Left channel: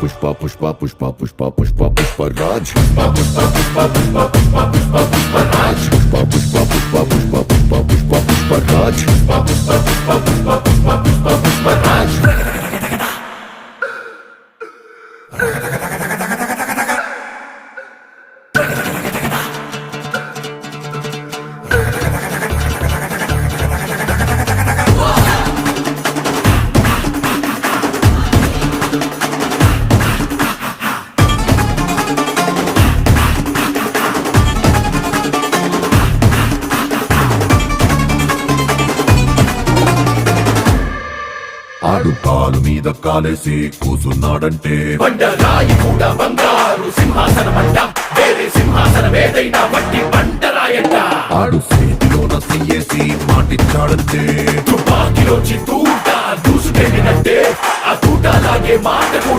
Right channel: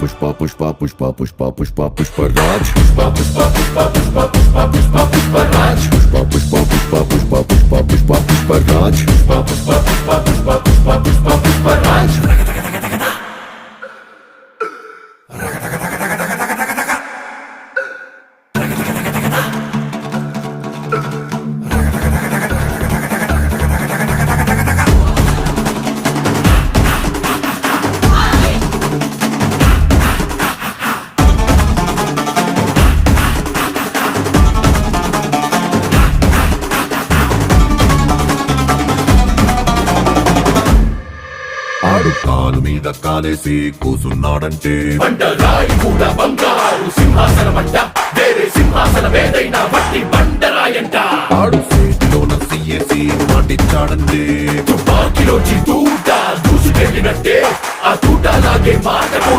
పుష్ప పుష్ప పుష్ప పుష్ప పుష్ప పుష్పరాజ్ పుష్ప పుష్ప పుష్ప పుష్ప పుష్ప పుష్ప పుష్పరాజ్ పుష్ప పుష్ప పుష్ప పుష్ప పుష్ప పుష్ప పుష్పరాజ్ పుష్ప పుష్ప పుష్ప పుష్ప పుష్ప పుష్ప పుష్పరాజ్ ఆడు కాలు మీద కాలేసి కూసున్నాడంటే బండరాయి మూల బంగారు సింహాసనమంట వేరే సింహాసనమేదైనా మట్టి బండరాయంట ఆడు చేతిలోన సీఏసి మాటిచ్చాడంటే తుపాకీలో దూసుకెళ్ళినట్టే ఆ తూటలాగే మాట కూడా